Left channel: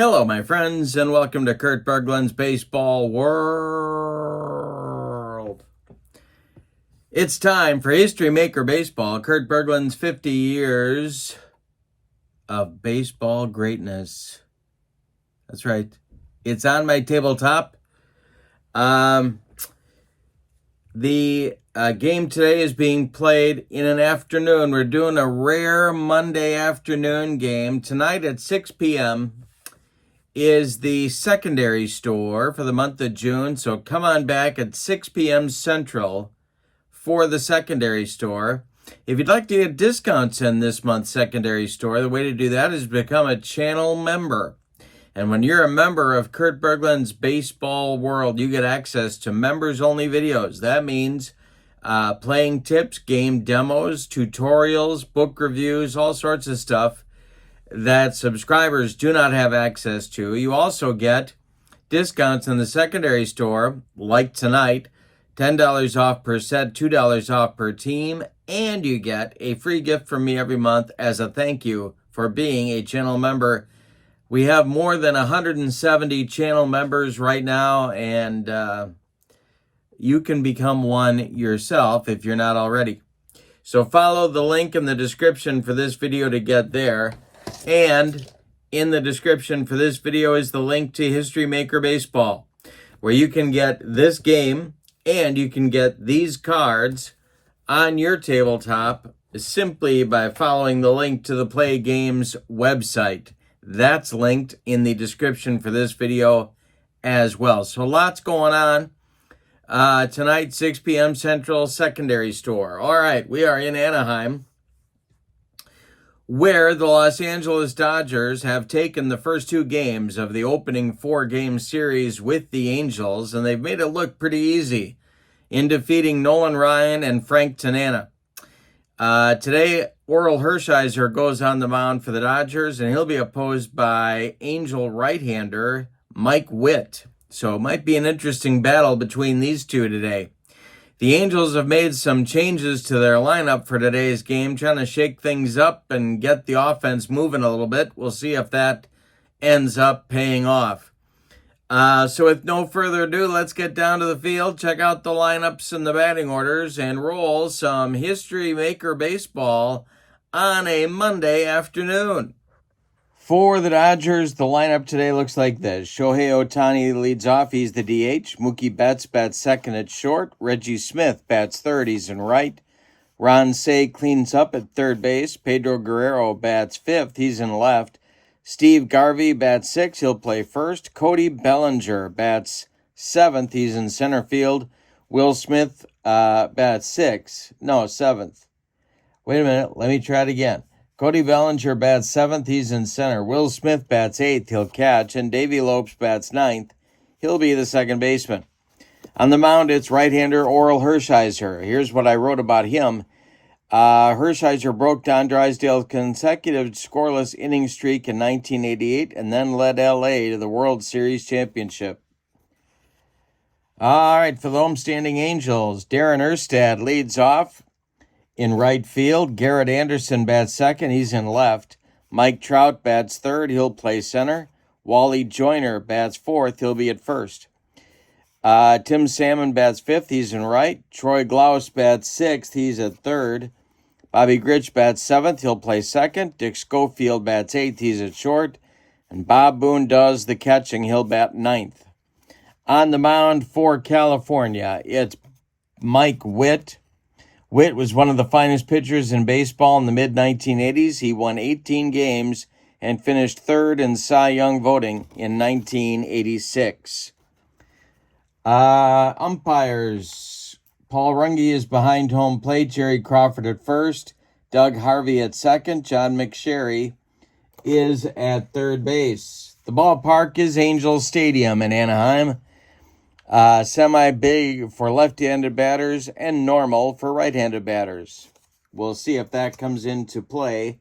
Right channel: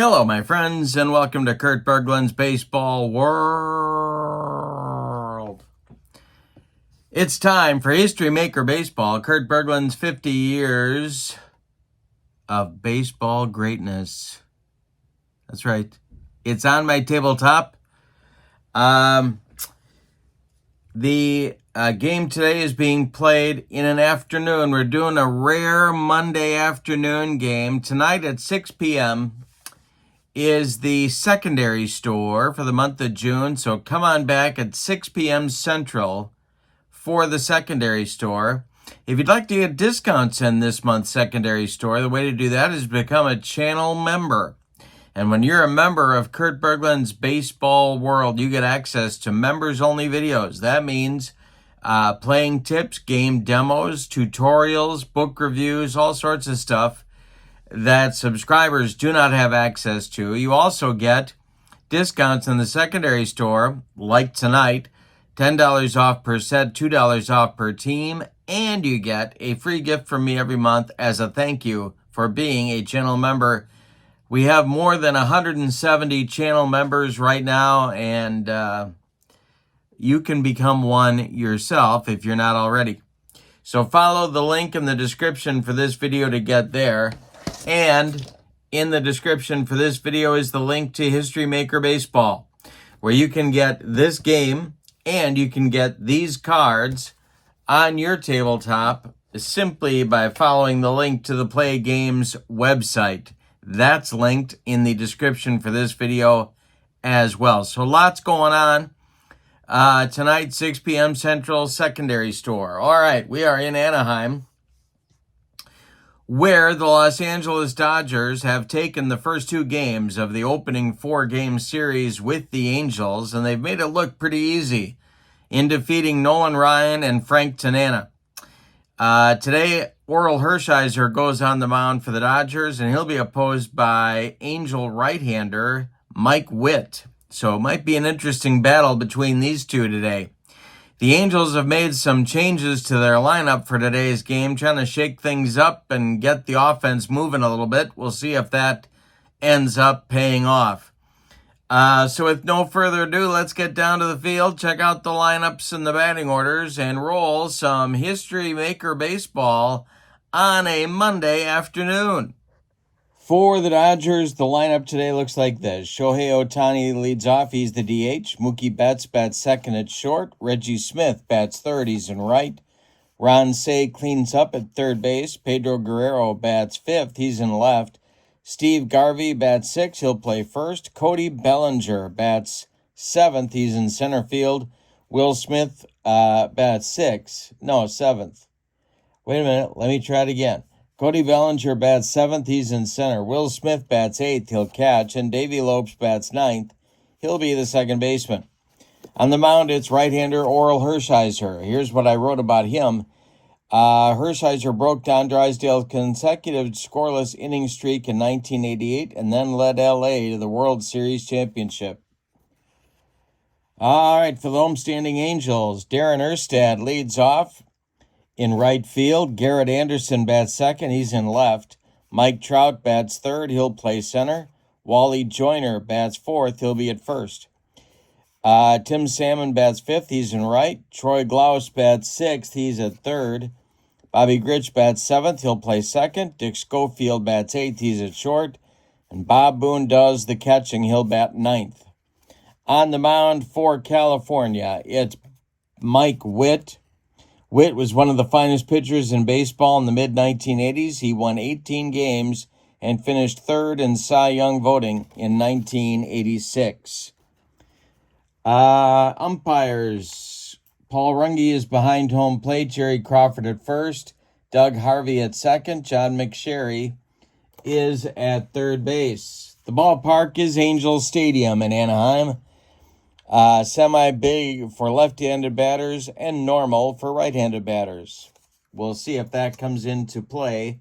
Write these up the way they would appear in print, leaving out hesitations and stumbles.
Hello, my friends, and welcome to Kurt Berglund's Baseball World. It's time for History Maker Baseball, Kurt Berglund's 50 years of baseball greatness. That's right. It's on my tabletop. The game today is being played in an afternoon. We're doing a rare Monday afternoon game. Tonight at 6 p.m. is the secondary store for the month of June. So come on back at 6 p.m. Central for the secondary store. If you'd like to get discounts in this month's secondary store, the way to do that is become a channel member. And when you're a member of Kurt Berglund's Baseball World, you get access to members-only videos. That means playing tips, game demos, tutorials, book reviews, all sorts of stuff that subscribers do not have access to. You also get discounts in the secondary store, like tonight, $10 off per set, $2 off per team, and you get a free gift from me every month as a thank you for being a channel member. We have more than 170 channel members right now, and you can become one yourself if you're not already. So follow the link in the description for this video to get there. And in the description for this video is the link to History Maker Baseball, where you can get this game and you can get these cards on your tabletop simply by following the link to the PLAAY Games website. That's linked in the description for this video as well. So lots going on tonight, 6 p.m. Central, secondary store. All right, we are in Anaheim, where the Los Angeles Dodgers have taken the first two games of the opening four-game series with the Angels, and they've made it look pretty easy in defeating Nolan Ryan and Frank Tanana. Today, Orel Hershiser goes on the mound for the Dodgers, and he'll be opposed by Angel right-hander Mike Witt. So it might be an interesting battle between these two today. The Angels have made some changes to their lineup for today's game, trying to shake things up and get the offense moving a little bit. We'll see if that ends up paying off. So with no further ado, let's get down to the field, check out the lineups and the batting orders, and roll some History Maker Baseball on a Monday afternoon. For the Dodgers, the lineup today looks like this. Shohei Ohtani leads off. He's the DH. Mookie Betts bats second at short. Reggie Smith bats third. He's in right. Ron Cey cleans up at third base. Pedro Guerrero bats fifth. He's in left. Steve Garvey bats sixth. He'll play first. Cody Bellinger bats seventh. He's in center field. Will Smith bats seventh. Wait a minute. Let me try it again. Cody Bellinger bats seventh. He's in center. Will Smith bats eighth. He'll catch. And Davey Lopes bats ninth. He'll be the second baseman. On the mound, it's right-hander Orel Hershiser. Here's what I wrote about him. Hershiser broke Don Drysdale's consecutive scoreless inning streak in 1988 and then led L.A. to the World Series championship. All right, for the homestanding Angels, Darren Erstad leads off. In right field, Garrett Anderson bats second. He's in left. Mike Trout bats third. He'll play center. Wally Joyner bats fourth. He'll be at first. Tim Salmon bats fifth. He's in right. Troy Glaus bats sixth. He's at third. Bobby Grich bats seventh. He'll play second. Dick Schofield bats eighth. He's at short. And Bob Boone does the catching. He'll bat ninth. On the mound for California, it's Mike Witt. Witt was one of the finest pitchers in baseball in the mid-1980s. He won 18 games and finished third in Cy Young voting in 1986. Umpires. Paul Runge is behind home plate. Jerry Crawford at first. Doug Harvey at second. John McSherry is at third base. The ballpark is Angels Stadium in Anaheim. Semi-big for left-handed batters and normal for right-handed batters. We'll see if that comes into play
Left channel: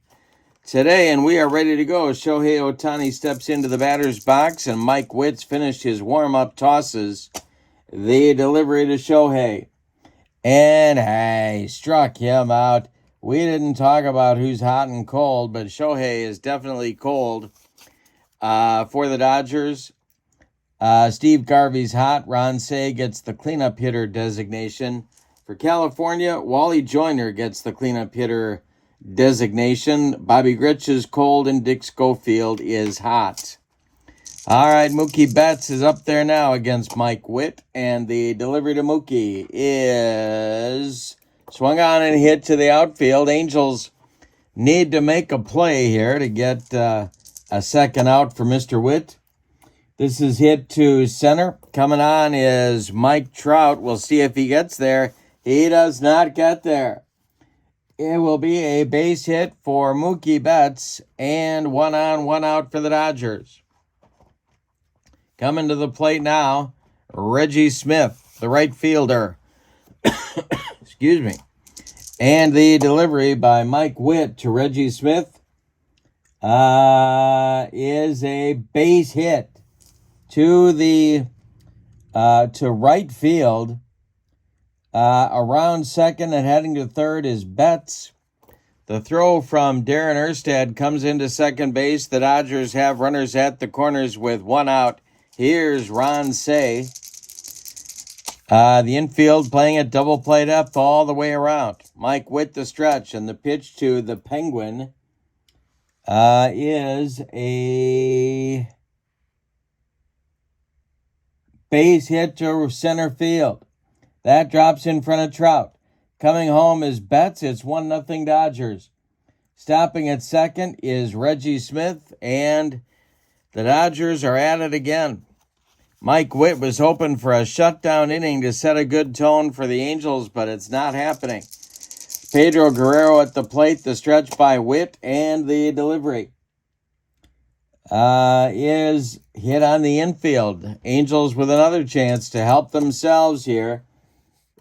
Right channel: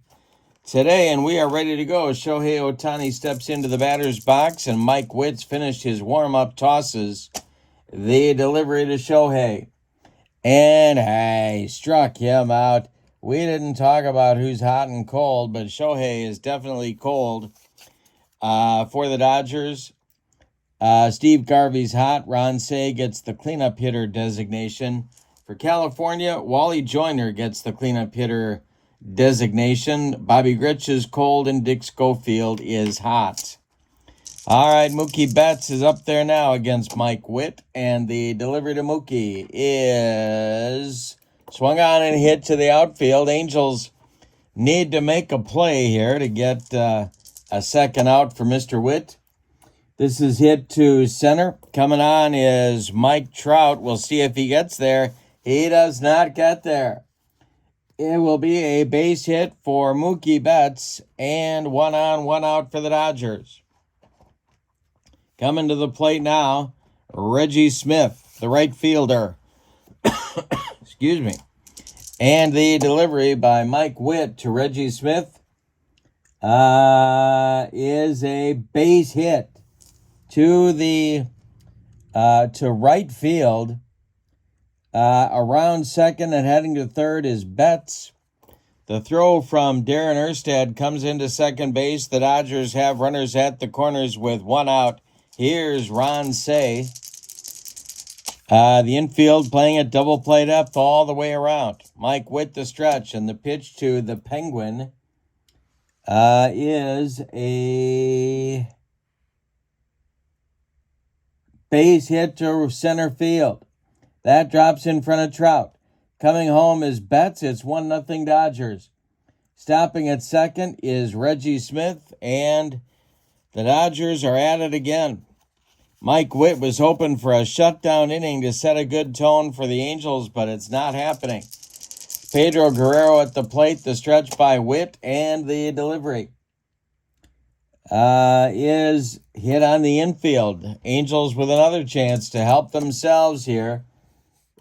today, and we are ready to go. Shohei Ohtani steps into the batter's box, and Mike Witt's finished his warm-up tosses. They deliver it to Shohei, and I struck him out. We didn't talk about who's hot and cold, but Shohei is definitely cold. for the Dodgers. Steve Garvey's hot. Ron Cey gets the cleanup hitter designation. For California, Wally Joyner gets the cleanup hitter designation. Bobby Grich is cold, and Dick Schofield is hot. All right, Mookie Betts is up there now against Mike Witt, and the delivery to Mookie is swung on and hit to the outfield. Angels need to make a play here to get a second out for Mr. Witt. This is hit to center. Coming on is Mike Trout. We'll see if he gets there. He does not get there. It will be a base hit for Mookie Betts, and 1 on, 1 out for the Dodgers. Coming to the plate now, Reggie Smith, the right fielder. Excuse me. And the delivery by Mike Witt to Reggie Smith is a base hit to the to right field. Around second and heading to third is Betts. The throw from Darren Erstad comes into second base. The Dodgers have runners at the corners with 1 out. Here's Ron Cey. The infield playing it double played up all the way around. Mike Witt the stretch, and the pitch to the Penguin is a base hit to center field. That drops in front of Trout. Coming home is Betts. It's 1-0 Dodgers. Stopping at second is Reggie Smith, and the Dodgers are at it again. Mike Witt was hoping for a shutdown inning to set a good tone for the Angels, but it's not happening. Pedro Guerrero at the plate, the stretch by Witt, and the delivery is hit on the infield. Angels with another chance to help themselves here.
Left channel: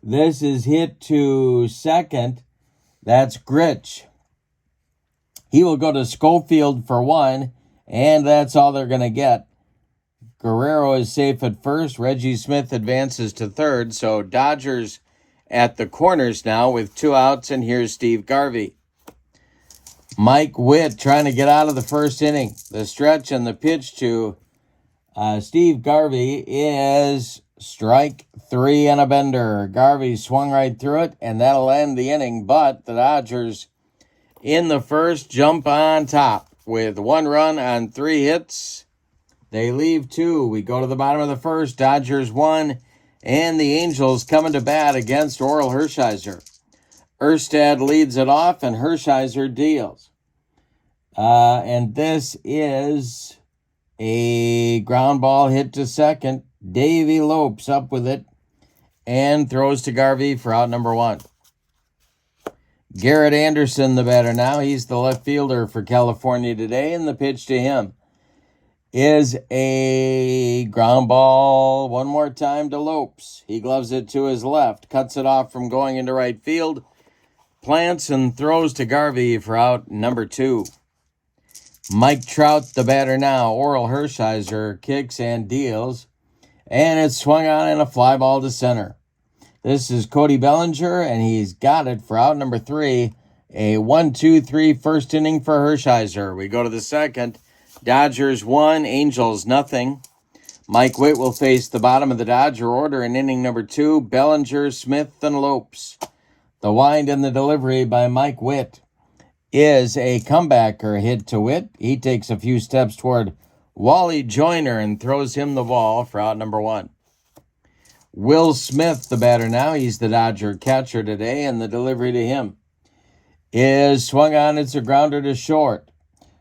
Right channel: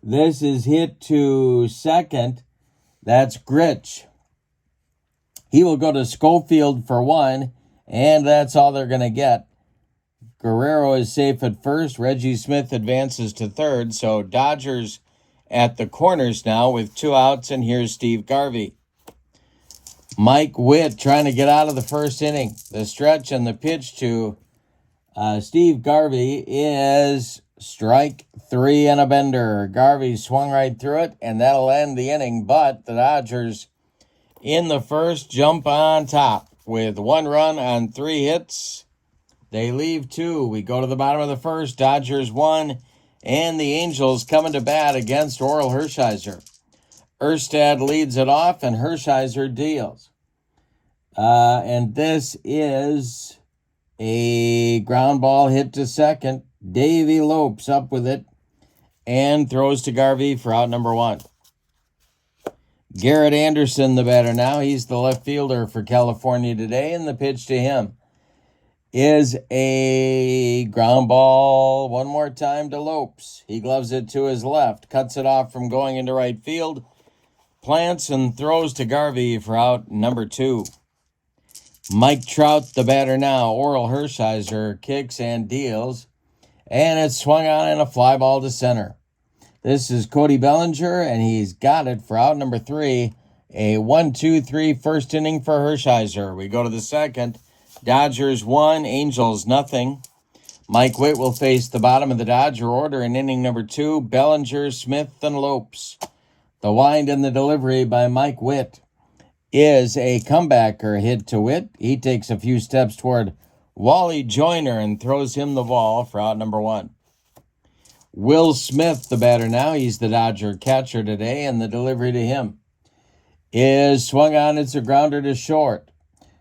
This is hit to second. That's Grich. He will go to Schofield for 1, and that's all they're going to get. Guerrero is safe at first. Reggie Smith advances to third. So Dodgers at the corners now with 2 outs, and here's Steve Garvey. Mike Witt trying to get out of the first inning. The stretch and the pitch to Steve Garvey is strike 3 and a bender. Garvey swung right through it, and that'll end the inning. But the Dodgers in the first jump on top with 1 run on 3 hits. They leave 2. We go to the bottom of the first. Dodgers 1, and the Angels coming to bat against Oral Hershiser. Erstad leads it off, and Hershiser deals. And this is a ground ball hit to second. Davey Lopes up with it and throws to Garvey for out number 1. Garrett Anderson, the batter now. He's the left fielder for California today, and the pitch to him is a ground ball one more time to Lopes. He gloves it to his left, cuts it off from going into right field, plants and throws to Garvey for out number 2. Mike Trout, the batter now. Oral Hershiser kicks and deals, and it's swung on in a fly ball to center. This is Cody Bellinger, and he's got it for out number 3. A 1-2-3 first inning for Hershiser. We go to the second. Dodgers 1, Angels 0. Mike Witt will face the bottom of the Dodger order in inning number 2. Bellinger, Smith, and Lopes. The wind and the delivery by Mike Witt is a comebacker hit to Witt. He takes a few steps toward Wally Joyner and throws him the ball for out number 1. Will Smith, the batter now. He's the Dodger catcher today, and the delivery to him is swung on. It's a grounder to short.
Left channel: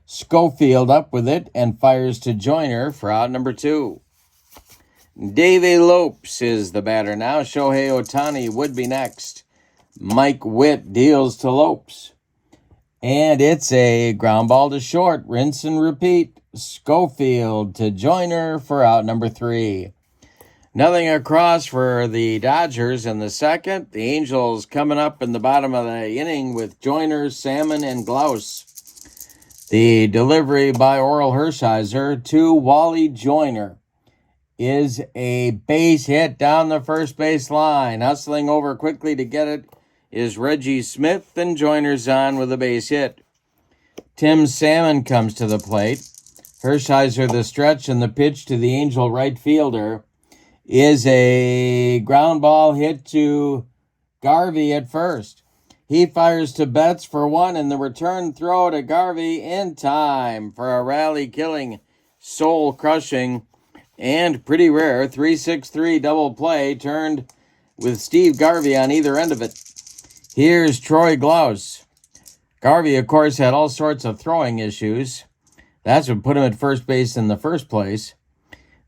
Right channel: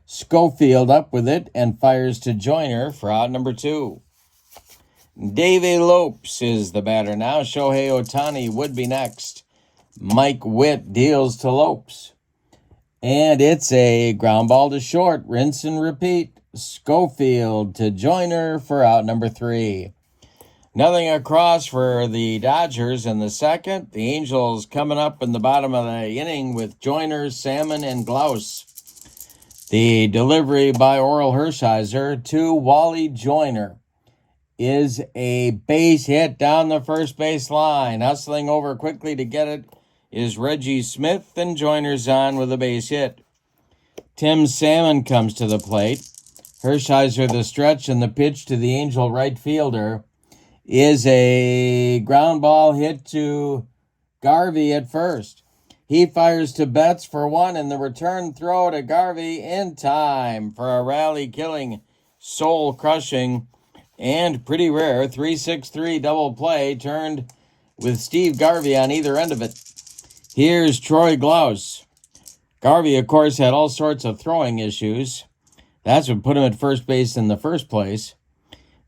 Schofield up with it and fires to Joyner for out number 2. Davey Lopes is the batter now. Shohei Ohtani would be next. Mike Witt deals to Lopes. And it's a ground ball to short. Rinse and repeat. Schofield to Joyner for out number 3. Nothing across for the Dodgers in the second. The Angels coming up in the bottom of the inning with Joyner, Salmon, and Glaus. The delivery by Oral Hershiser to Wally Joyner is a base hit down the first base line. Hustling over quickly to get it is Reggie Smith, and Joyner's on with a base hit. Tim Salmon comes to the plate. Hershiser the stretch, and the pitch to the Angel right fielder is a ground ball hit to Garvey at first. He fires to Betts for one, and the return throw to Garvey in time for a rally-killing, soul-crushing, and pretty rare 3-6-3 double play turned with Steve Garvey on either end of it. Here's Troy Glaus. Garvey, of course, had all sorts of throwing issues. That's what put him at first base in the first place.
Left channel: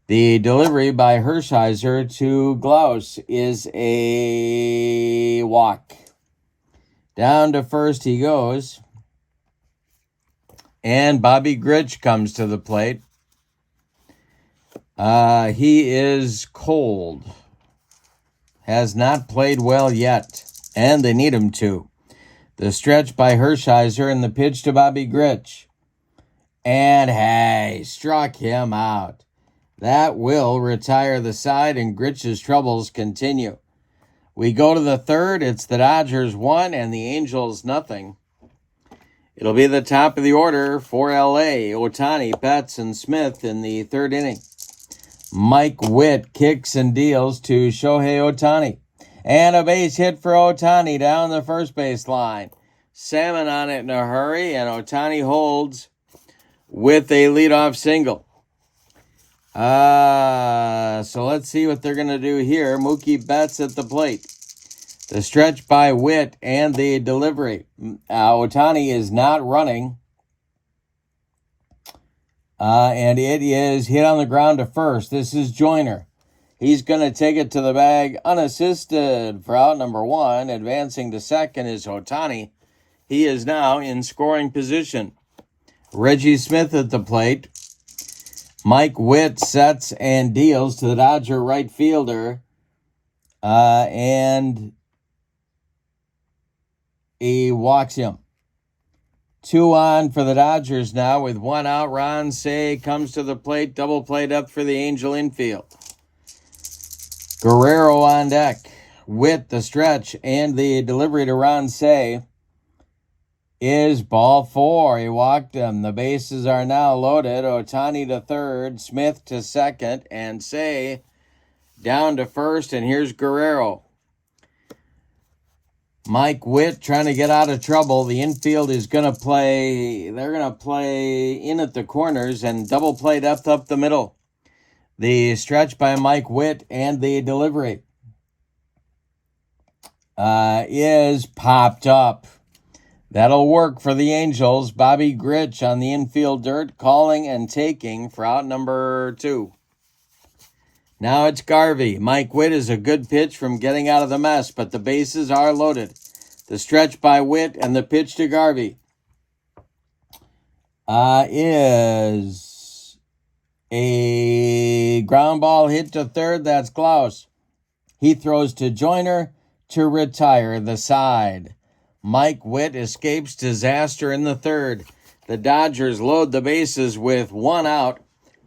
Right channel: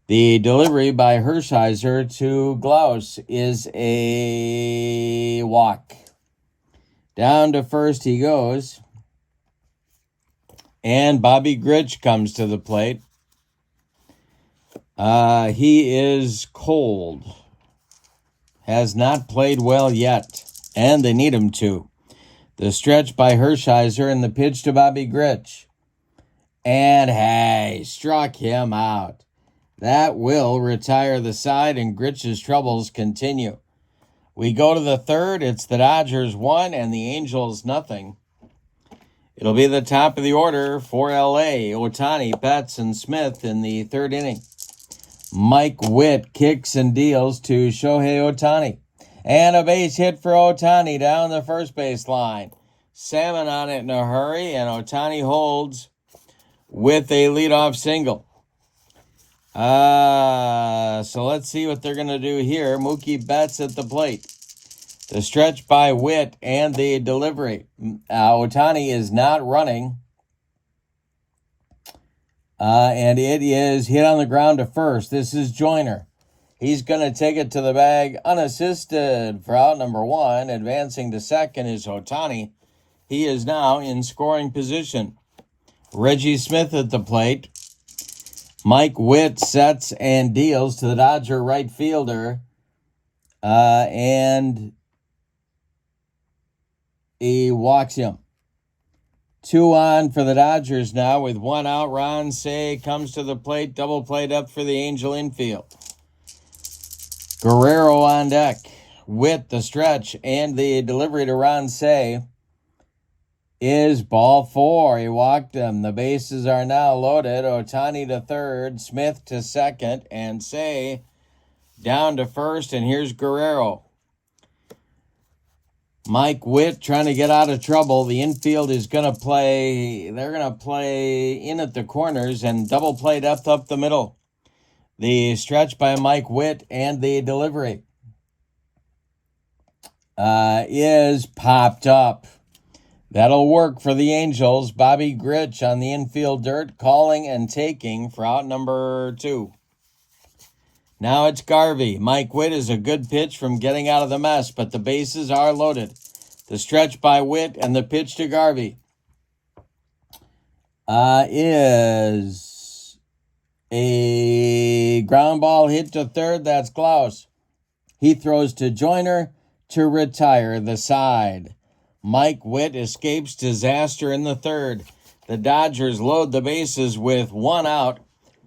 The delivery by Hershiser to Glaus is a walk. Down to first he goes. And Bobby Grich comes to the plate. He is cold. Has not played well yet. And they need him to. The stretch by Hershiser and the pitch to Bobby Grich. And hey, struck him out. That will retire the side, and Grich's troubles continue. We go to the third. It's the Dodgers 1 and the Angels nothing. It'll be the top of the order for LA. Ohtani, Betts, and Smith in the third inning. Mike Witt kicks and deals to Shohei Ohtani. And a base hit for Ohtani down the first base line. Salmon on it in a hurry, and Ohtani holds with a leadoff single. So let's see what they're going to do here. Mookie Betts at the plate. The stretch by Witt and the delivery. Ohtani is not running. And it is hit on the ground to first. This is Joyner. He's going to take it to the bag unassisted for out number 1. Advancing to second is Ohtani. He is now in scoring position. Reggie Smith at the plate. Mike Witt sets and deals to the Dodger right fielder. And he walks him. 2 on for the Dodgers now with 1 out. Ron Cey comes to the plate. Double play depth for the Angel infield. Guerrero on deck. Witt the stretch and the delivery to Ron Cey is ball 4. He walked him. The bases are now loaded. Ohtani to third, Smith to second, and Cey down to first. And here's Guerrero. Mike Witt trying to get out of trouble. The infield is going to play. They're going to play in at the corners and double play depth up the middle. The stretch by Mike Witt and the delivery is popped up. That'll work for the Angels. Bobby Grich on the infield dirt, calling and taking for out number 2. Now it's Garvey. Mike Witt is a good pitch from getting out of the mess, but the bases are loaded. The stretch by Witt and the pitch to Garvey is a ground ball hit to third. That's Glaus. He throws to Joyner to retire the side. Mike Witt escapes disaster in the third. The Dodgers load the bases with 1 out,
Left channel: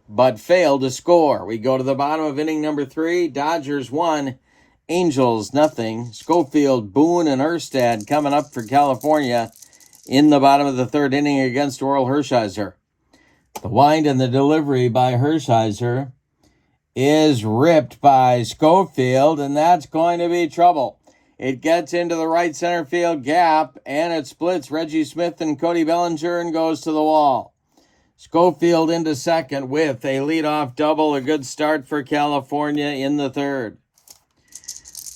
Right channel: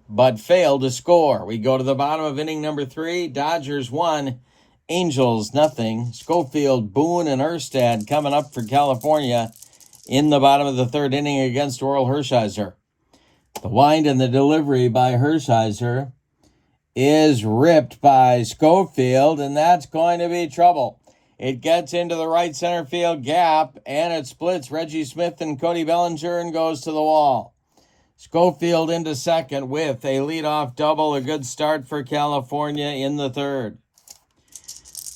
but fail to score. We go to the bottom of inning number 3. Dodgers 1, Angels nothing. Schofield, Boone, and Erstad coming up for California in the bottom of the third inning against Oral Hershiser. The wind and the delivery by Hershiser is ripped by Schofield, and that's going to be trouble. It gets into the right center field gap, and it splits Reggie Smith and Cody Bellinger and goes to the wall. Schofield into second with a leadoff double. A good start for California in the third.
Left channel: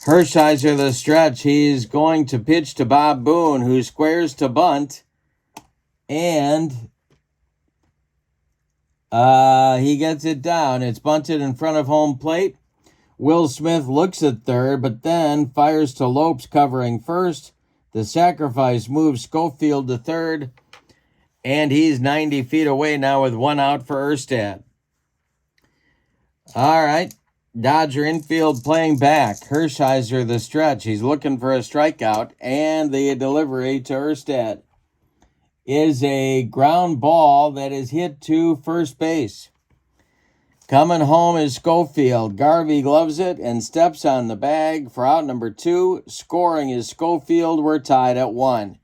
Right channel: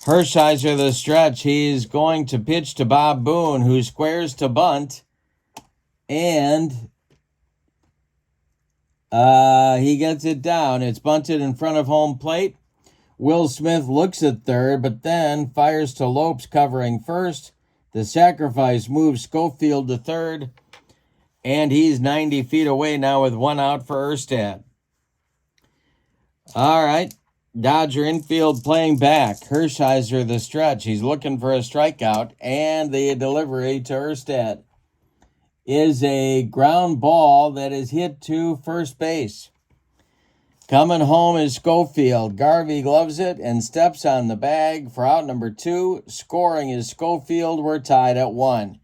Hershiser the stretch. He's going to pitch to Bob Boone, who squares to bunt. And he gets it down. It's bunted in front of home plate. Will Smith looks at third, but then fires to Lopes covering first. The sacrifice moves Schofield to third, and he's 90 feet away now with 1 out for Erstad. All right, Dodger infield playing back. Hershiser the stretch. He's looking for a strikeout, and the delivery to Erstad is a ground ball that is hit to first base. Coming home is Schofield. Garvey gloves it and steps on the bag for out number 2. Scoring is Schofield. We're tied at 1.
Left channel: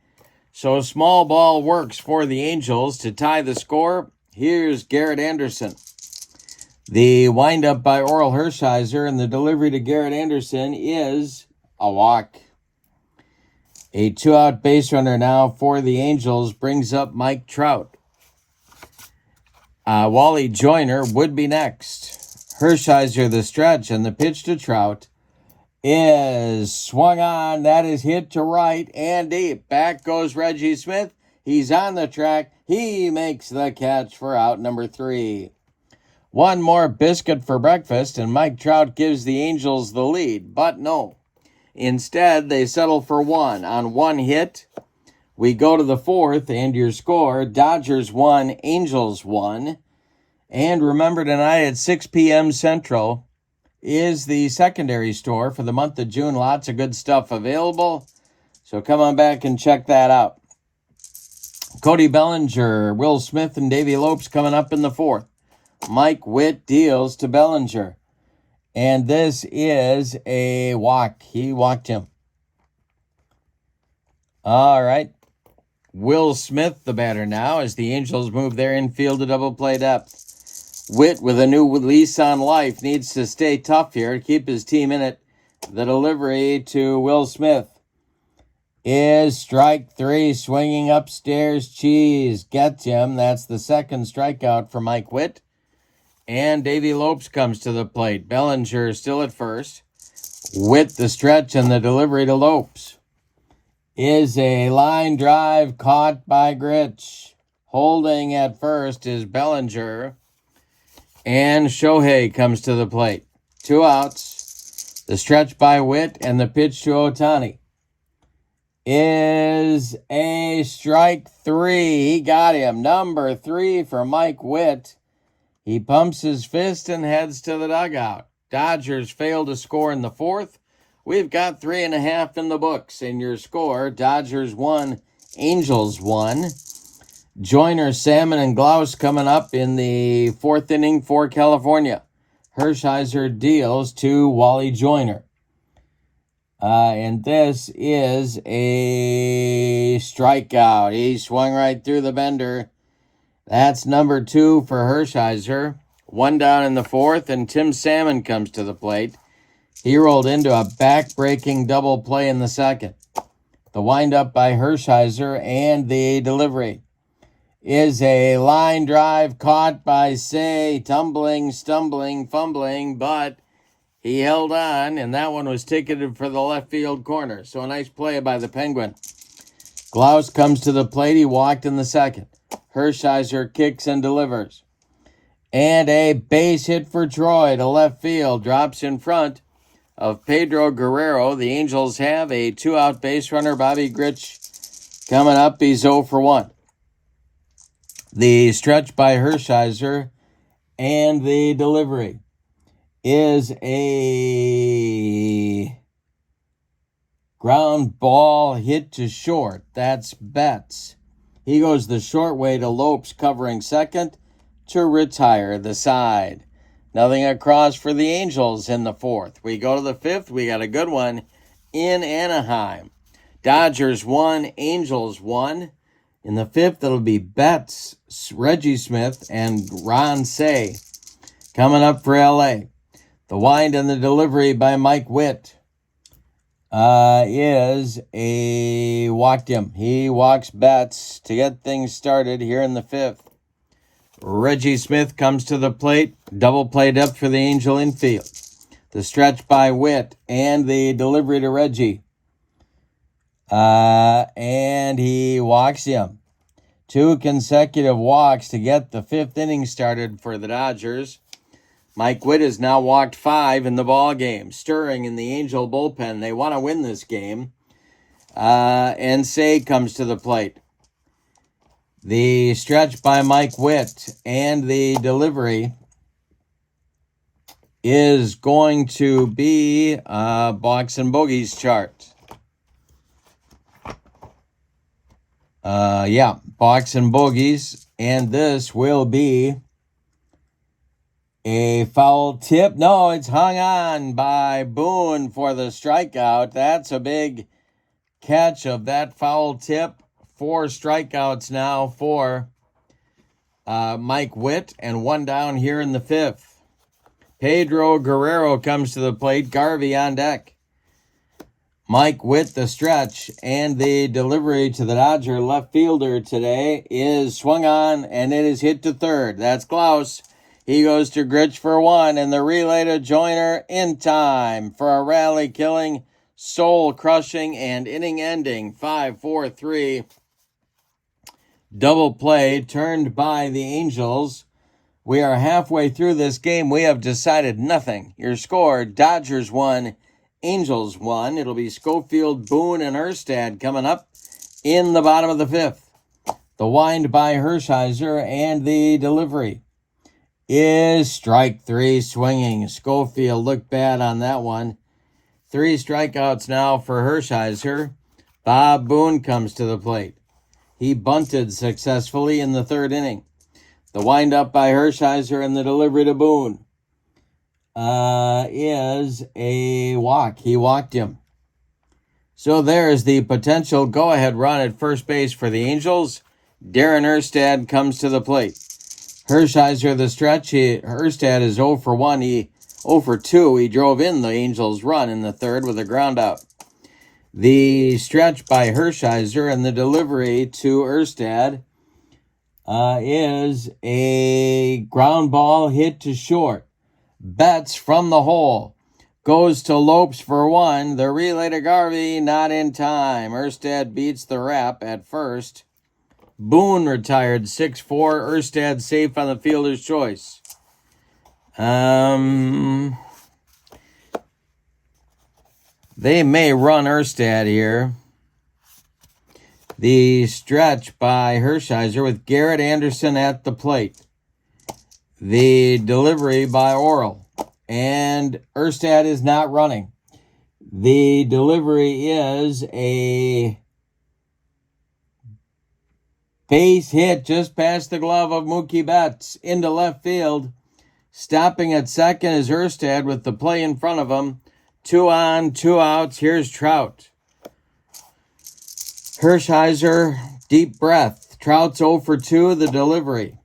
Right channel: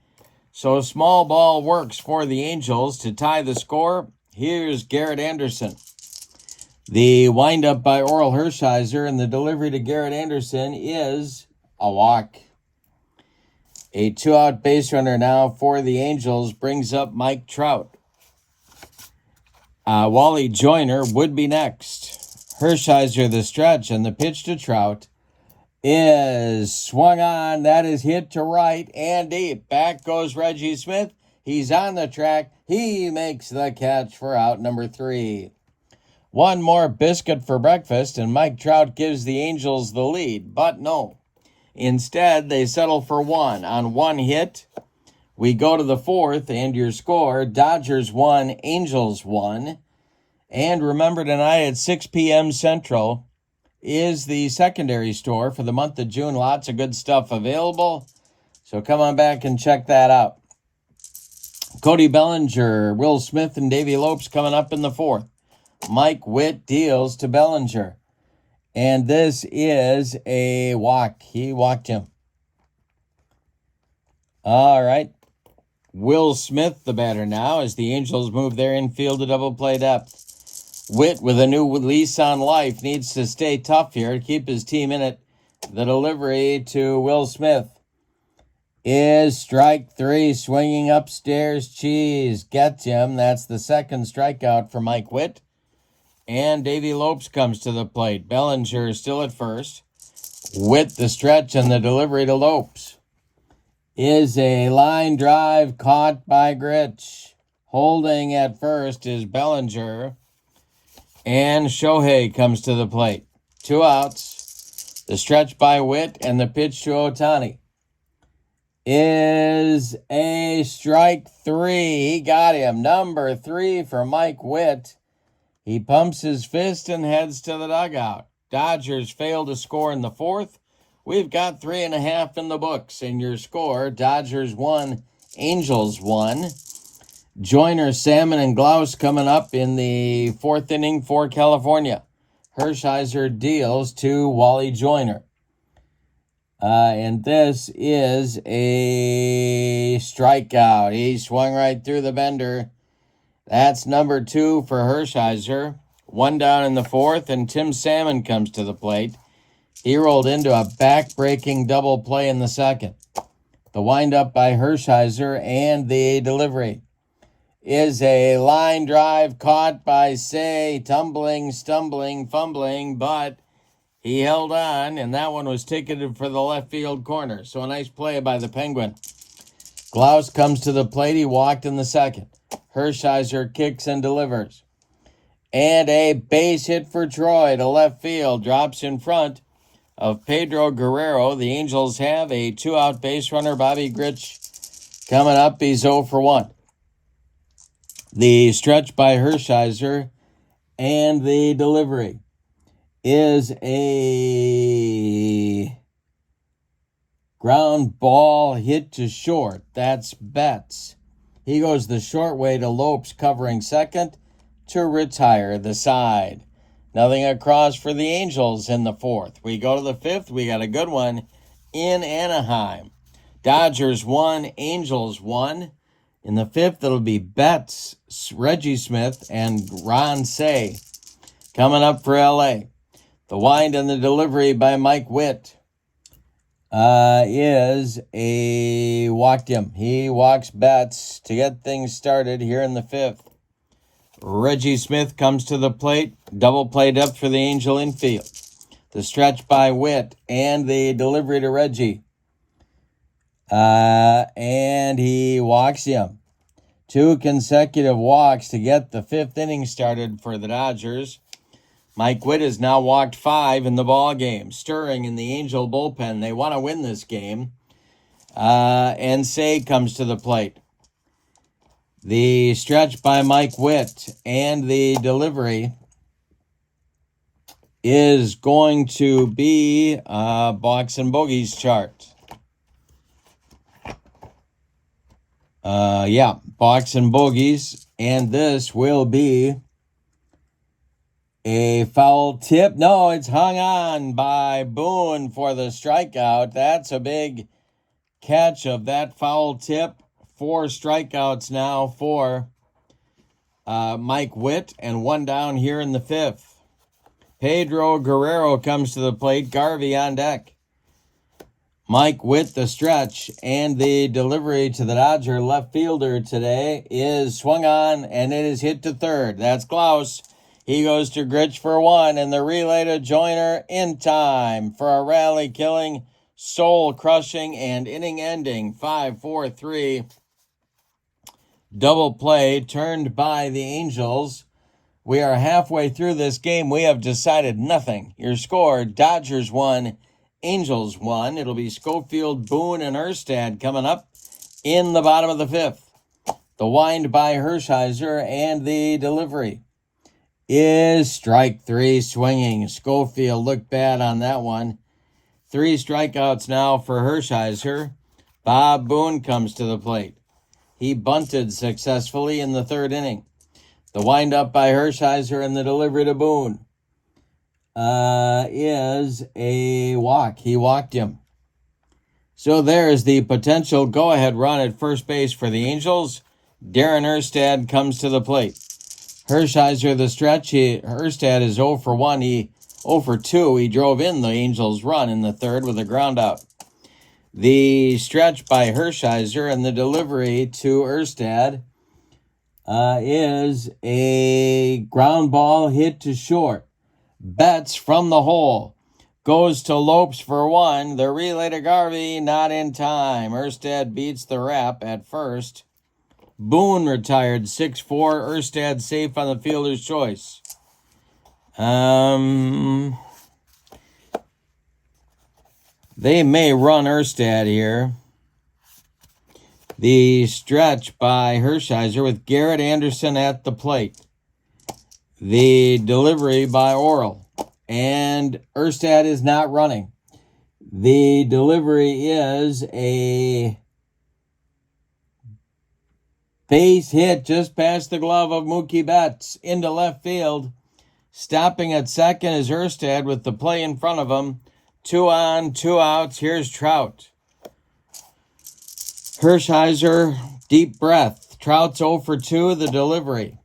So small ball works for the Angels to tie the score Here's Garrett Anderson. The windup by Oral Hershiser, and the delivery to Garrett Anderson is a walk. A 2-out base runner now for the Angels brings up Mike Trout. Wally Joyner would be next. Hershiser the stretch, and the pitch to Trout is swung on. That is hit to right and deep. Back goes Reggie Smith. He's on the track. He makes the catch for out number 3. One more biscuit for breakfast, and Mike Trout gives the Angels the lead. But no. Instead, they settle for 1. On 1 hit, we go to the 4th, and your score, Dodgers 1, Angels 1. And remember, tonight at 6 p.m. Central is the secondary store for the month of June. Lots of good stuff available. So come on back and check that out. Cody Bellinger, Will Smith, and Davey Lopes coming up in the 4th. Mike Witt deals to Bellinger. And this is a walk. He walked him. All right. Will Smith, the batter now, as the Angels move their infield to double play depth. Witt, with a new lease on life, needs to stay tough here and keep his team in it. The delivery to Will Smith is strike 3, swinging upstairs. Cheese gets him. That's the second strikeout for Mike Witt. And Davey Lopes comes to the plate. Bellinger still at first. Witt the stretch, and the delivery to Lopes is a line drive caught by Gritch. Holding at first is Bellinger. And Shohei comes to the plate. 2 outs. The stretch by Witt, and the pitch to Ohtani is a strike 3. He got him. Number 3 for Mike Witt. He pumps his fist and heads to the dugout. Dodgers fail to score in the 4th. We've got 3.5 in the books. And your score, Dodgers 1, Angels 1. Joyner, Salmon, and Glaus coming up in the 4th inning for California. Hershiser deals to Wally Joyner. And this is a strikeout. He swung right through the bender. That's number 2 for Hershiser. 1 down in the 4th, and Tim Salmon comes to the plate. He rolled into a back-breaking double play in the 2nd. The windup by Hershiser, and the delivery is a line drive caught by Say, tumbling, stumbling, fumbling, but he held on, and that one was ticketed for the left field corner. So a nice play by the Penguin. Glaus comes to the plate. He walked in the 2nd. Hershiser kicks and delivers. And a base hit for Troy to left field. Drops in front of Pedro Guerrero. The Angels have a 2-out base runner, Bobby Gritch, coming up. He's 0 for 1. The stretch by Hershiser, and the delivery is a ground ball hit to short. That's Betts. He goes the short way to Lopes, covering 2nd to retire the side. Nothing across for the Angels in the 4th. We go to the 5th. We got a good one in Anaheim. Dodgers 1, Angels 1. In the 5th, it'll be Betts, Reggie Smith, and Ron Say coming up for L.A. The wind and the delivery by Mike Witt is a walked him. He walks Betts to get things started here in the 5th. Reggie Smith comes to the plate. Double play depth for the Angel infield. The stretch by Witt, and the delivery to Reggie. And he walks him. 2 consecutive walks to get the 5th inning started for the Dodgers. Mike Witt has now walked 5 in the ball game, stirring in the Angel bullpen. They want to win this game. And Say comes to the plate. The stretch by Mike Witt, and the delivery is going to be Box and Bogies chart. Box and Bogies, and this will be a foul tip. No, it's hung on by Boone for the strikeout. That's a big catch of that foul tip. 4 strikeouts now for Mike Witt, and 1 down here in the 5th. Pedro Guerrero comes to the plate. Garvey on deck. Mike Witt, the stretch, and the delivery to the Dodger left fielder today is swung on, and it is hit to third. That's Klaus. He goes to Grich for 1, and the relay to Joyner in time for a rally-killing, soul-crushing, and inning-ending 5-4-3 double play turned by the Angels. We are halfway through this game. We have decided nothing. Your score, Dodgers 1, Angels 1. It'll be Schofield, Boone, and Erstad coming up in the bottom of the 5th. The wind by Hershiser, and the delivery is strike 3 swinging. Schofield looked bad on that one. 3 strikeouts now for Hershiser. Bob Boone comes to the plate. He bunted successfully in the 3rd inning. The windup by Hershiser and the delivery to Boone is a walk. He walked him. So there's the potential go-ahead run at first base for the Angels. Darren Erstad comes to the plate. Hershiser the stretch. Erstad is 0 for 1. 0 for 2. He drove in the Angels' run in the 3rd with a ground out. The stretch by Hershiser and the delivery to Erstad is a ground ball hit to short. Betts from the hole goes to Lopes for 1. The relay to Garvey, not in time. Erstad beats the wrap at first. Boone retired 6-4. Erstad safe on the fielder's choice. They may run Erstad here. The stretch by Hershiser with Garrett Anderson at the plate. The delivery by Orel. And Erstad is not running. The delivery is a base hit just past the glove of Mookie Betts into left field. Stopping at second is Erstad with the play in front of him. 2 on, 2 outs. Here's Trout. Hershiser, deep breath. Trout's 0 for 2, the delivery.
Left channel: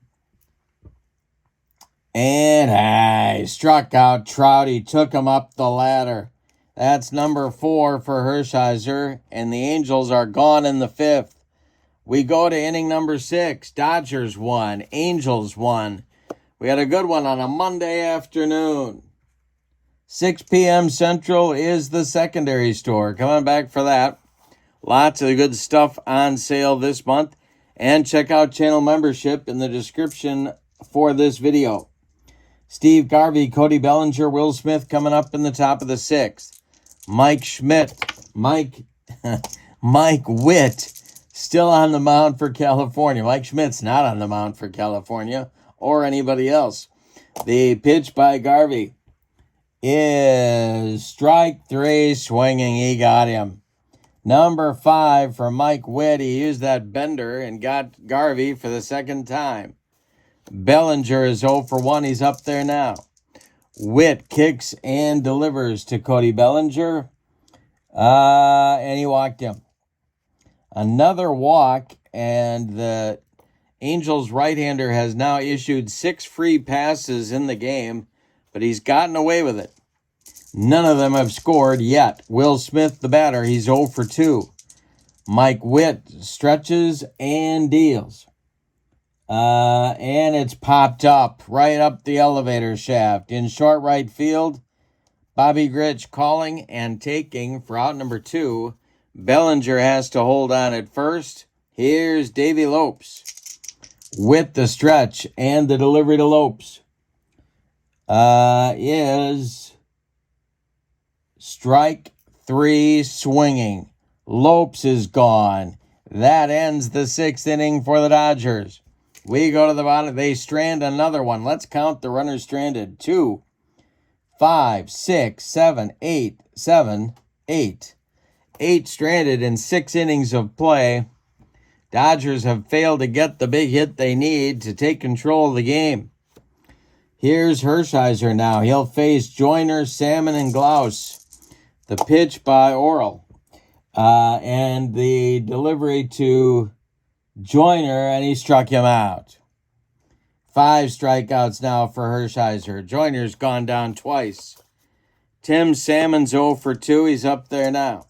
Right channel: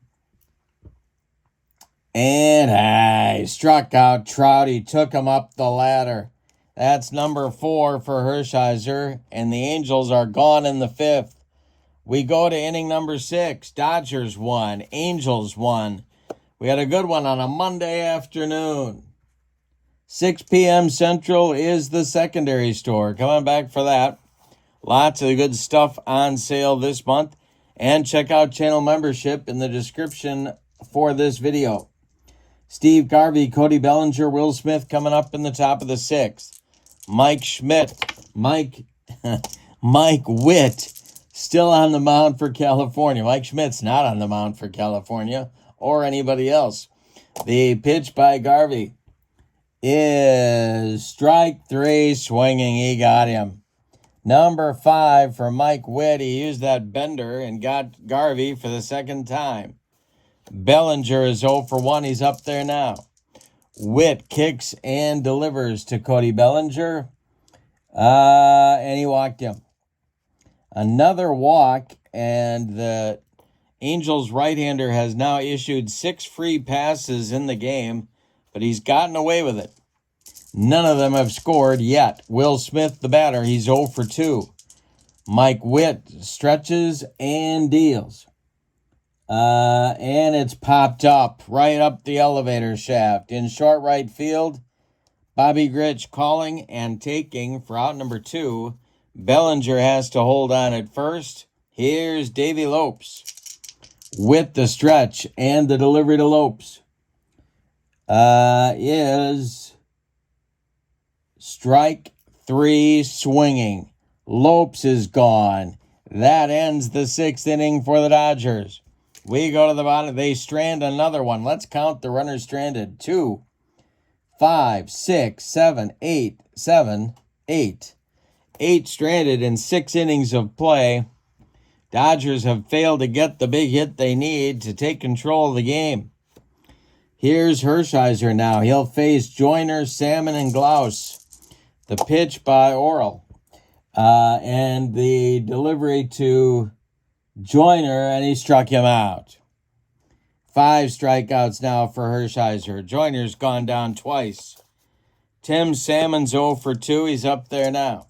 And I struck out Trout. He took him up the ladder. That's number 4 for Hershiser, and the Angels are gone in the 5th. We go to inning number 6. Dodgers 1, Angels 1. We had a good one on a Monday afternoon. 6 p.m. Central is the secondary store. Coming back for that. Lots of good stuff on sale this month. And check out channel membership in the description for this video. Steve Garvey, Cody Bellinger, Will Smith coming up in the top of the 6th. Mike Schmidt, Mike Witt still on the mound for California. Mike Schmidt's not on the mound for California or anybody else. The pitch by Garvey is strike 3 swinging. He got him. Number 5 for Mike Witt. He used that bender and got Garvey for the 2nd time. Bellinger is 0 for 1. He's up there now. Witt kicks and delivers to Cody Bellinger. And he walked him. Another walk, and the Angels right-hander has now issued 6 free passes in the game, but he's gotten away with it. None of them have scored yet. Will Smith, the batter, he's 0 for 2. Mike Witt stretches and deals. And it's popped up right up the elevator shaft. In short right field, Bobby Grich calling and taking for out number 2. Bellinger has to hold on at first. Here's Davey Lopes with the stretch and the delivery to Lopes. Is strike 3 swinging. Lopes is gone. That ends the 6th inning for the Dodgers. We go to the bottom. They strand another one. Let's count the runners stranded. 2, 5, 6, 7, 8, 7, 8. 8 stranded in 6 innings of play. Dodgers have failed to get the big hit they need to take control of the game. Here's Hershiser now. He'll face Joyner, Salmon, and Glaus. The pitch by Orel. And the delivery to Joyner, and he struck him out. 5 strikeouts now for Hershiser. Joyner's gone down twice. Tim Salmon's 0 for 2. He's up there now.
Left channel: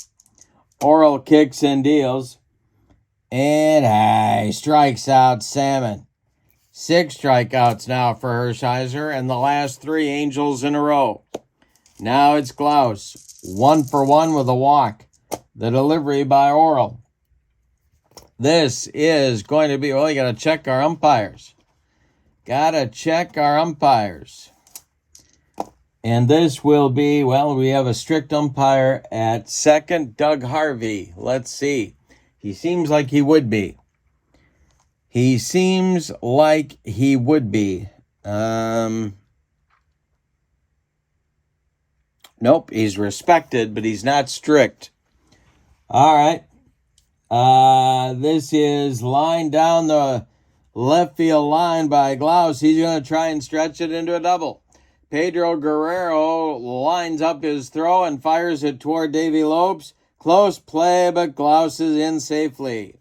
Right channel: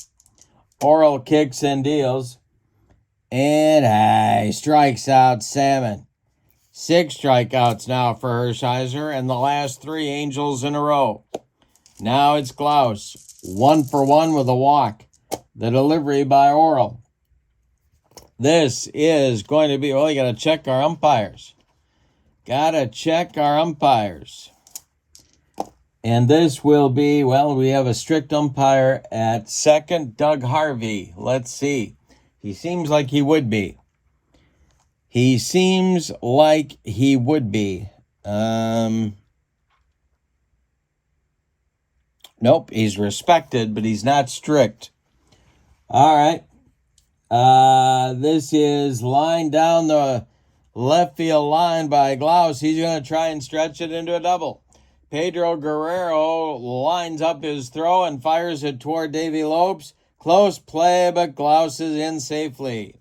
Oral kicks and deals. And he strikes out Salmon. 6 strikeouts now for Hershiser, and the last 3 Angels in a row. Now it's Glaus. 1 for 1 with a walk. The delivery by Oral. This is going to be, well, you got to check our umpires. Got to check our umpires. And this will be, well, we have a strict umpire at second, Doug Harvey. Let's see. He seems like he would be. He seems like he would be. Nope, he's respected, but he's not strict. All right. This is line down the left field line by Glaus. He's going to try and stretch it into a double. Pedro Guerrero lines up his throw and fires it toward Davey Lopes. Close play, but Glaus is in safely.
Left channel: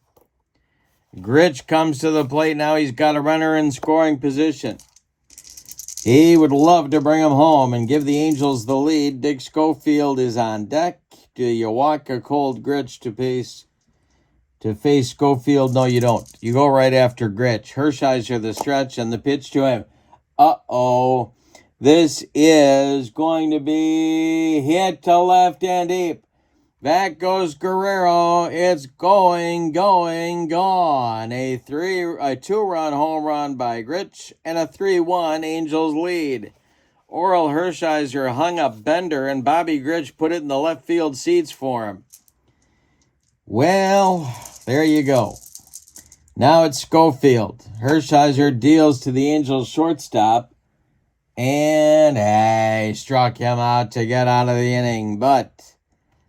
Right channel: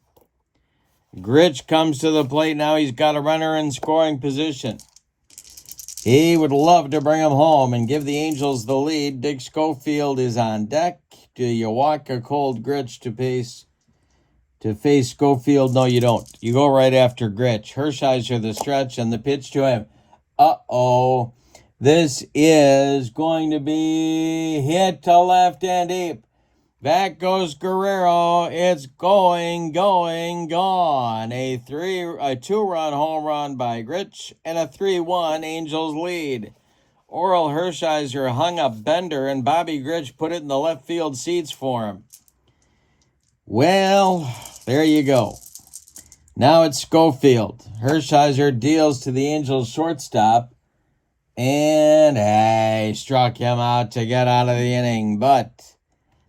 Gritch comes to the plate. Now he's got a runner in scoring position. He would love to bring him home and give the Angels the lead. Dick Schofield is on deck. Do you walk a cold Gritch to face Schofield? No, you don't. You go right after Gritch. Hershiser the stretch and the pitch to him. Uh-oh. This is going to be hit to left and deep. Back goes Guerrero. It's going, gone. A 2-run home run by Gritch and a 3-1 Angels lead. Oral Hershiser hung a bender and Bobby Gritch put it in the left field seats for him. Well, there you go. Now it's Schofield. Hershiser deals to the Angels shortstop. And he struck him out to get out of the inning. But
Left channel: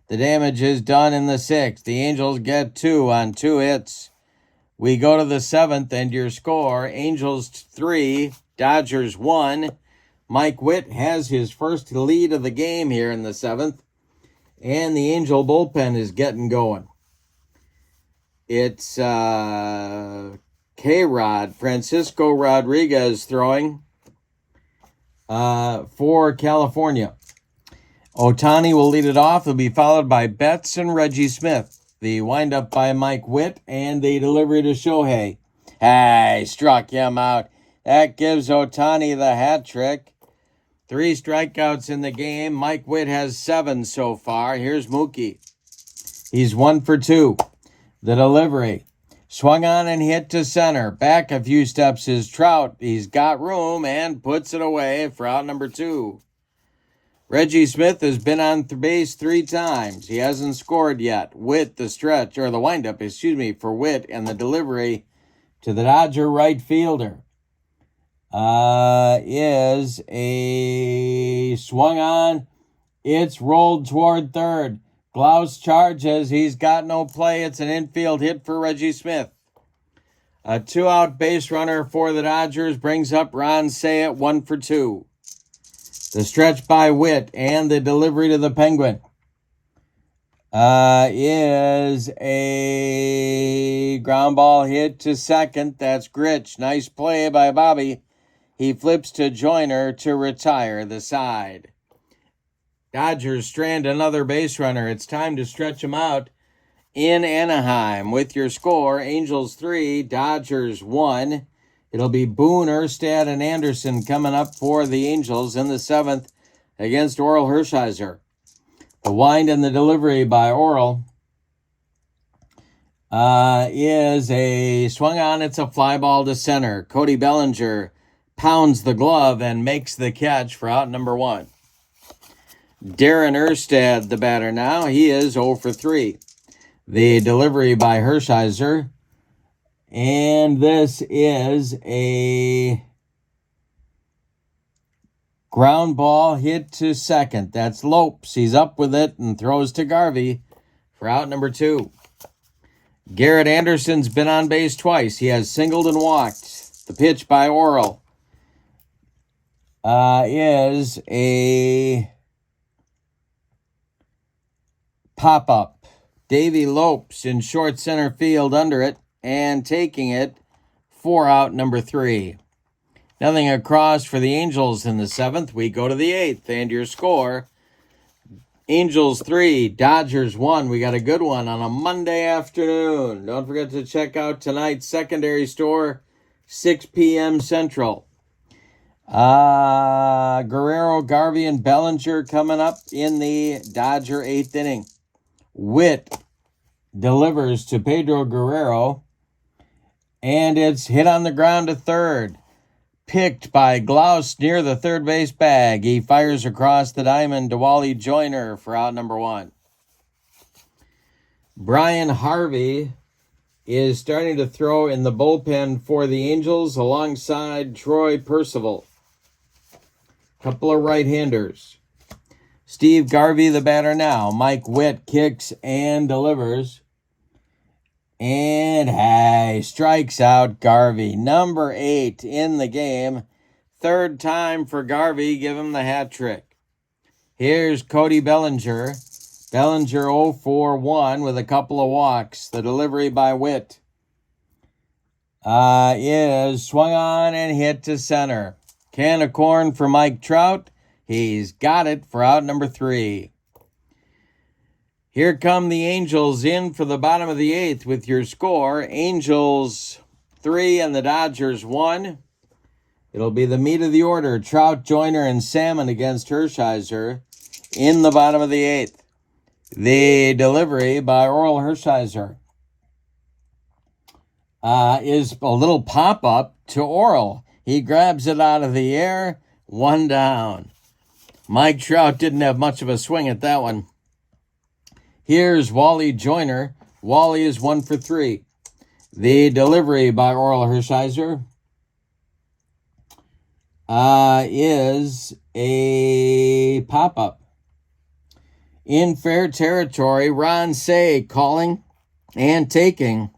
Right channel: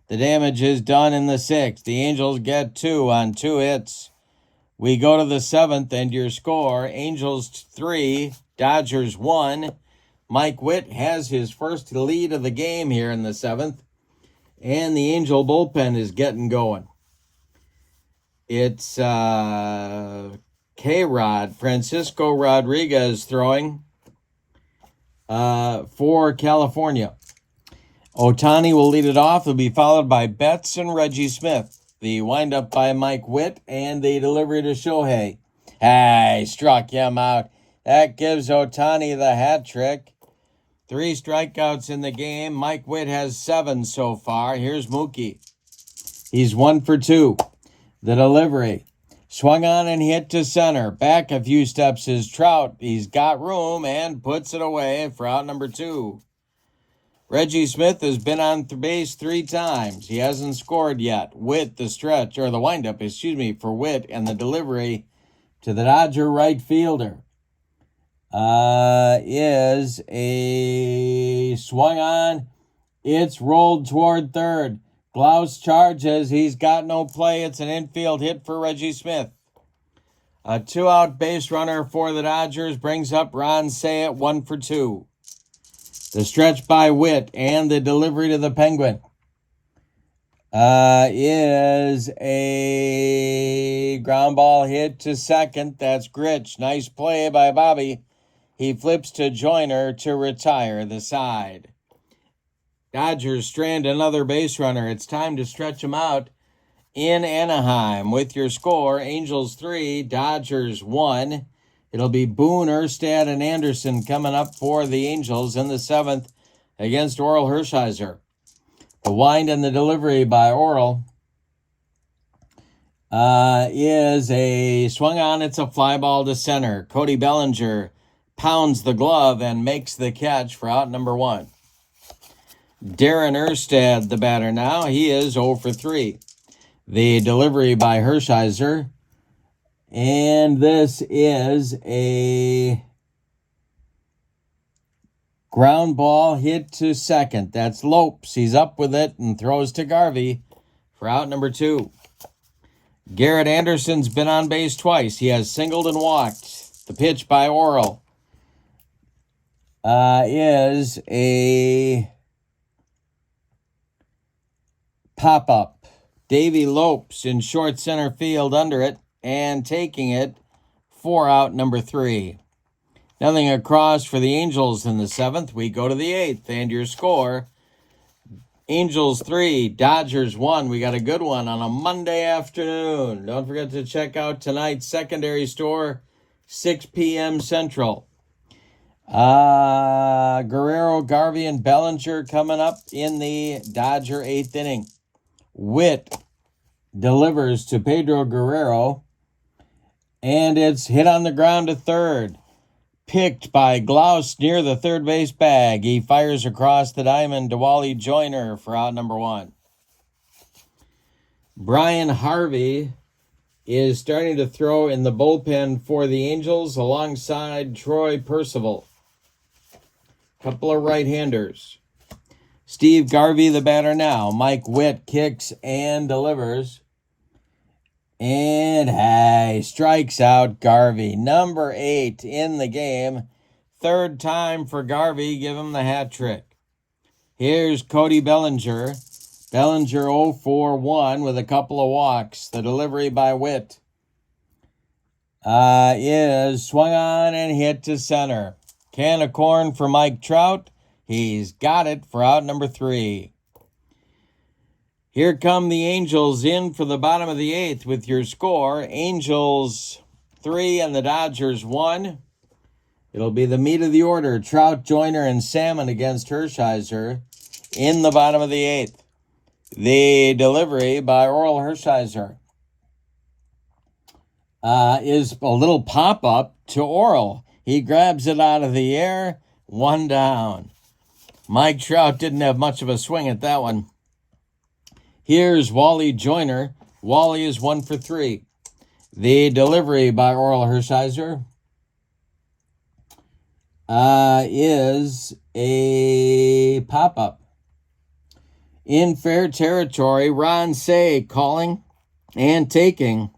the damage is done in the 6th. The Angels get 2 on 2 hits. We go to the 7th, and your score, Angels 3, Dodgers 1. Mike Witt has his first lead of the game here in the 7th. And the Angel bullpen is getting going. It's K-Rod, Francisco Rodriguez throwing for California. Otani will lead it off. It'll be followed by Betts and Reggie Smith. The windup by Mike Witt and the delivery to Shohei. He struck him out. That gives Otani the hat trick. 3 strikeouts in the game. Mike Witt has 7 so far. Here's Mookie. He's 1 for 2. The delivery. Swung on and hit to center. Back a few steps is Trout. He's got room and puts it away for out number 2. Reggie Smith has been on base 3 times. He hasn't scored yet. Witt, the stretch, or the windup, for Witt, and the delivery to the Dodger right fielder is a swung on. It's rolled toward third. Glaus charges. He's got no play. It's an infield hit for Reggie Smith. A 2-out base runner for the Dodgers brings up Ron Say at 1 for 2. The stretch by Witt and the delivery to the Penguin is a ground ball hit to second. That's Gritch. Nice play by Bobby. He flips to Joyner to retire the side. Dodgers strand another base runner. It's time to stretch him out in Anaheim. With your score, Angels 3, Dodgers 1. It'll be Boone, Erstad, and Anderson coming up for the Angels in the 7th against Oral Hershiser. The wind and the delivery by Oral is a swung on. It's a fly ball to center. Cody Bellinger pounds the glove and makes the catch for out number 1. Darren Erstad, the batter now. He is 0 for 3. The delivery by Hershiser. And this is a ground ball hit to second. That's Lopes. He's up with it and throws to Garvey for out number 2. Garrett Anderson's been on base twice. He has singled and walked. The pitch by Oral is a pop-up. Davey Lopes in short center field under it and taking it for out number 3. Nothing across for the Angels in the 7th. We go to the 8th, and your score, Angels 3, Dodgers 1. We got a good one on a Monday afternoon. Don't forget to check out tonight's secondary store, 6 p.m. Central. Guerrero, Garvey, and Bellinger coming up in the Dodger 8th inning. Witt delivers to Pedro Guerrero, and it's hit on the ground to third. Picked by Glaus near the third base bag. He fires across the diamond to Wally Joyner for out number 1. Brian Harvey is starting to throw in the bullpen for the Angels alongside Troy Percival. Couple of right-handers. Steve Garvey, the batter now. Mike Witt kicks and delivers. And strikes out Garvey. Number 8 in the game. Third time for Garvey. Give him the hat trick. Here's Cody Bellinger. Bellinger 0 for 1 with a couple of walks. The delivery by Witt is swung on and hit to center. Can of corn for Mike Trout. He's got it for out number 3. Here come the Angels in for the bottom of the 8th with your score. Angels 3 and the Dodgers 1. It'll be the meat of the order. Trout, Joyner, and Salmon against Hershiser in the bottom of the 8th. The delivery by Oral Hershiser is a little pop-up to Oral. He grabs it out of the air. 1 down. Mike Trout didn't have much of a swing at that one. Here's Wally Joyner. Wally is 1 for 3. The delivery by Oral Hershiser is a pop-up. In fair territory, Ron Say calling and taking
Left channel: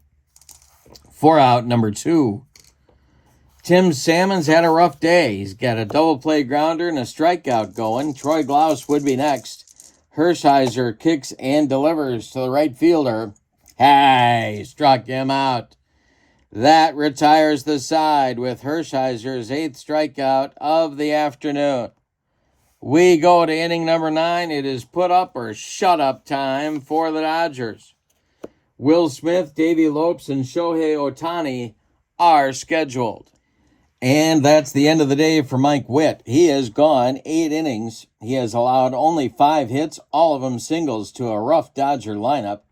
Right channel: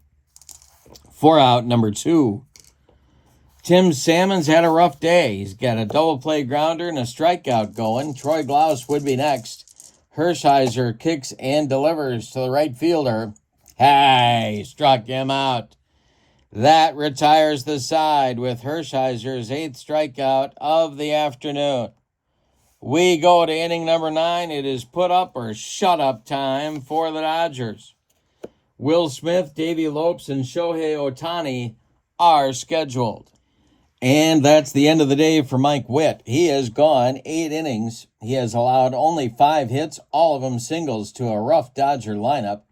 for out number 2. Tim Salmon's had a rough day. He's got a double play grounder and a strikeout going. Troy Glaus would be next. Hershiser kicks and delivers to the right fielder. Struck him out. That retires the side with Hershiser's 8th strikeout of the afternoon. We go to inning number 9. It is put up or shut up time for the Dodgers. Will Smith, Davey Lopes, and Shohei Ohtani are scheduled. And that's the end of the day for Mike Witt. He has gone 8 innings. He has allowed only 5 hits, all of them singles, to a rough Dodger lineup.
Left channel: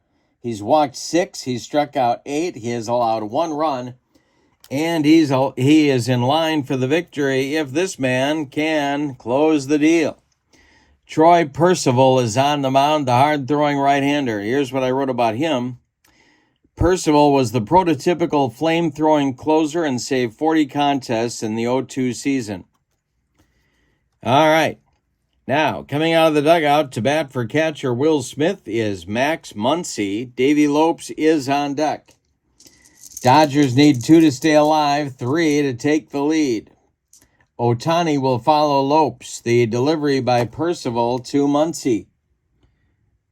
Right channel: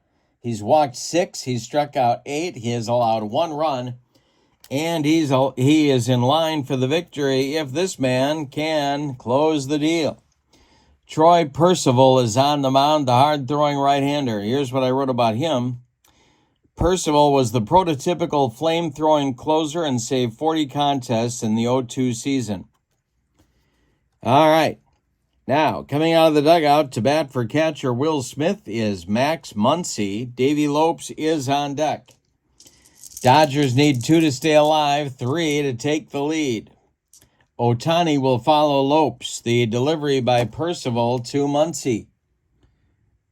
He's walked 6. He's struck out 8. He has allowed 1 run. And he is in line for the victory if this man can close the deal. Troy Percival is on the mound, the hard-throwing right-hander. Here's what I wrote about him. Percival was the prototypical flame-throwing closer and saved 40 contests in the 0-2 season. All right. Now, coming out of the dugout to bat for catcher Will Smith is Max Muncy. Davey Lopes is on deck. Dodgers need 2 to stay alive, 3 to take the lead. Ohtani will follow Lopes. The delivery by Percival to Muncy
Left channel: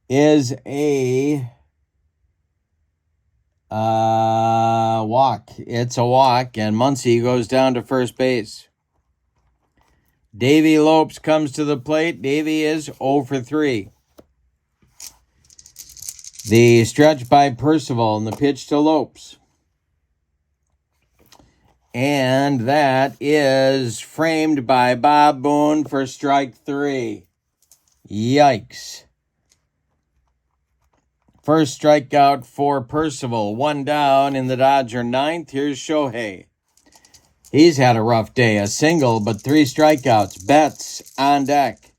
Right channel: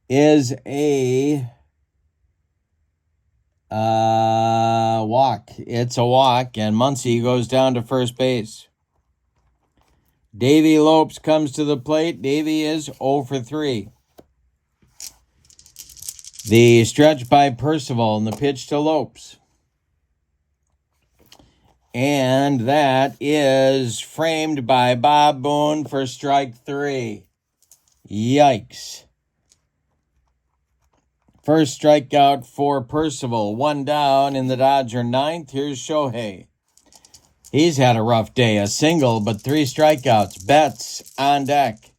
is a walk. It's a walk, and Muncy goes down to first base. Davey Lopes comes to the plate. Davey is 0 for 3. The stretch by Percival and the pitch to Lopes. And that is framed by Bob Boone for strike 3. Yikes. First strikeout for Percival. 1 down in the Dodger 9th. Here's Shohei. He's had a rough day. A single, but 3 strikeouts. Betts on deck.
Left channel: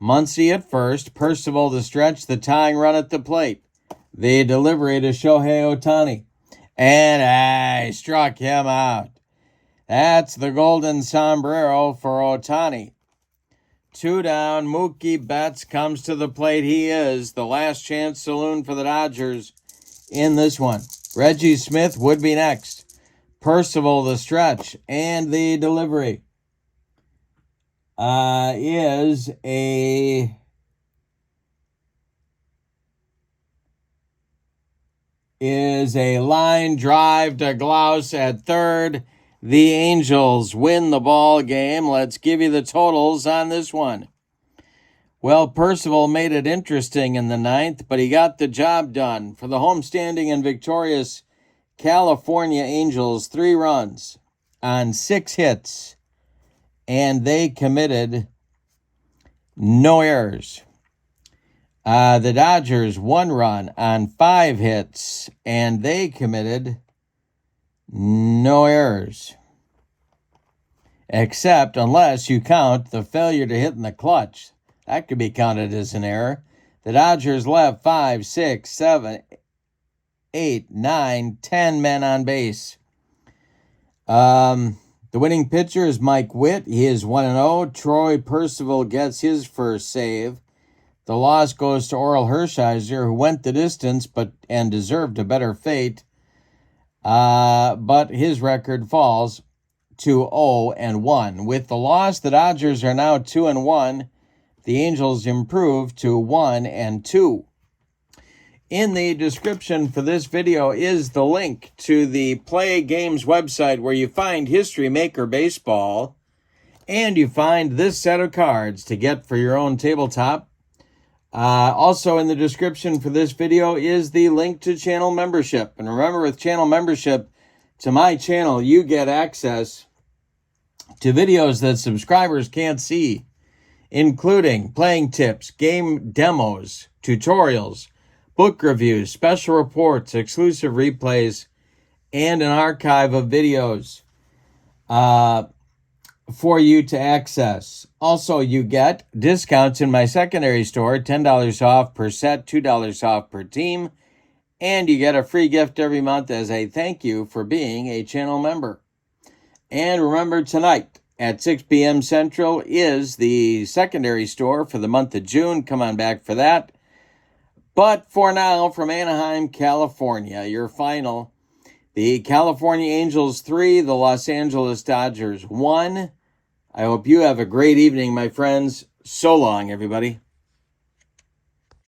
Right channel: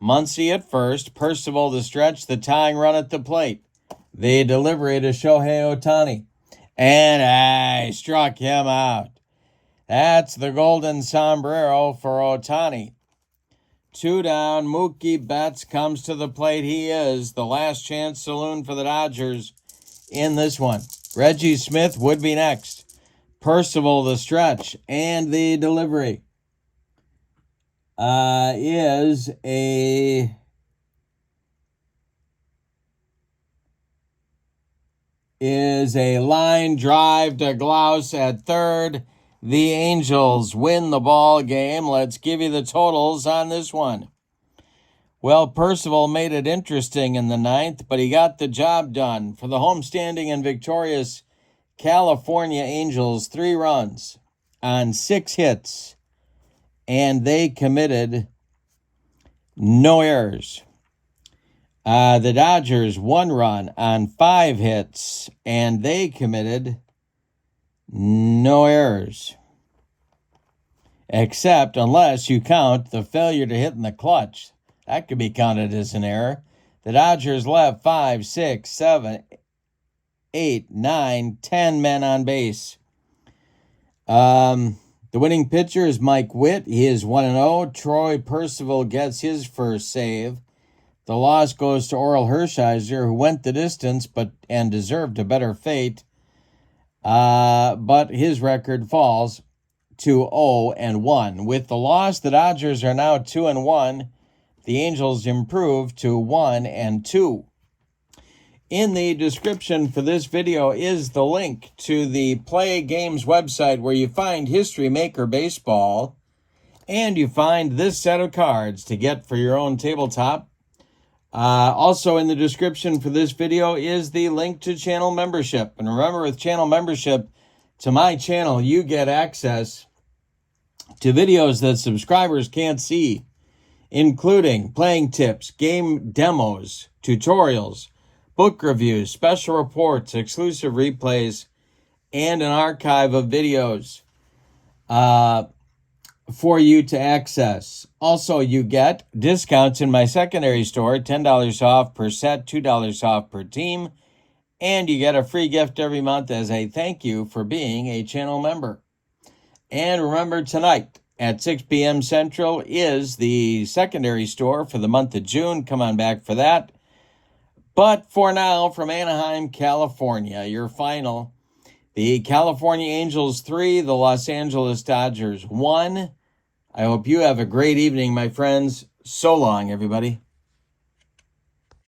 Muncy at first. Percival to stretch the tying run at the plate. The delivery to Shohei Ohtani. And I struck him out. That's the golden sombrero for Ohtani. 2 down. Mookie Betts comes to the plate. He is the last chance saloon for the Dodgers in this one. Reggie Smith would be next. Percival the stretch and the delivery is a line drive to Glaus at third. the Angels win the ball game. Let's give you the totals on this one. Well, Percival made it interesting in the ninth, but he got the job done. For the homestanding and victorious California Angels, 3 runs on 6 hits, and they committed no errors. The Dodgers, 1 run on 5 hits, and they committed no errors. Except unless you count the failure to hit in the clutch. That could be counted as an error. The Dodgers left 5, 6, 7, 8, 9, 10 men on base. The winning pitcher is Mike Witt. He is 1-0. Troy Percival gets his first save. The loss goes to Oral Hershiser, who went the distance and deserved a better fate. But his record falls to 0-1. With the loss, the Dodgers are now 2-1. The Angels improve to 1-2. In the description for this video is the link to the PLAAY Games website where you find History Maker Baseball, and you find this set of cards to get for your own tabletop. Also in the description for this video is the link to channel membership. And remember, with channel membership to my channel, you get access to videos that subscribers can't see, including playing tips, game demos, tutorials, book reviews, special reports, exclusive replays, and an archive of videos for you to access. Also, you get discounts in my secondary store, $10 off per set, $2 off per team, and you get a free gift every month as a thank you for being a channel member. And remember, tonight at 6 p.m. Central is the secondary store for the month of June. Come on back for that. But for now, from Anaheim, California, your final. The California Angels 3, the Los Angeles Dodgers 1. I hope you have a great evening, my friends. So long, everybody.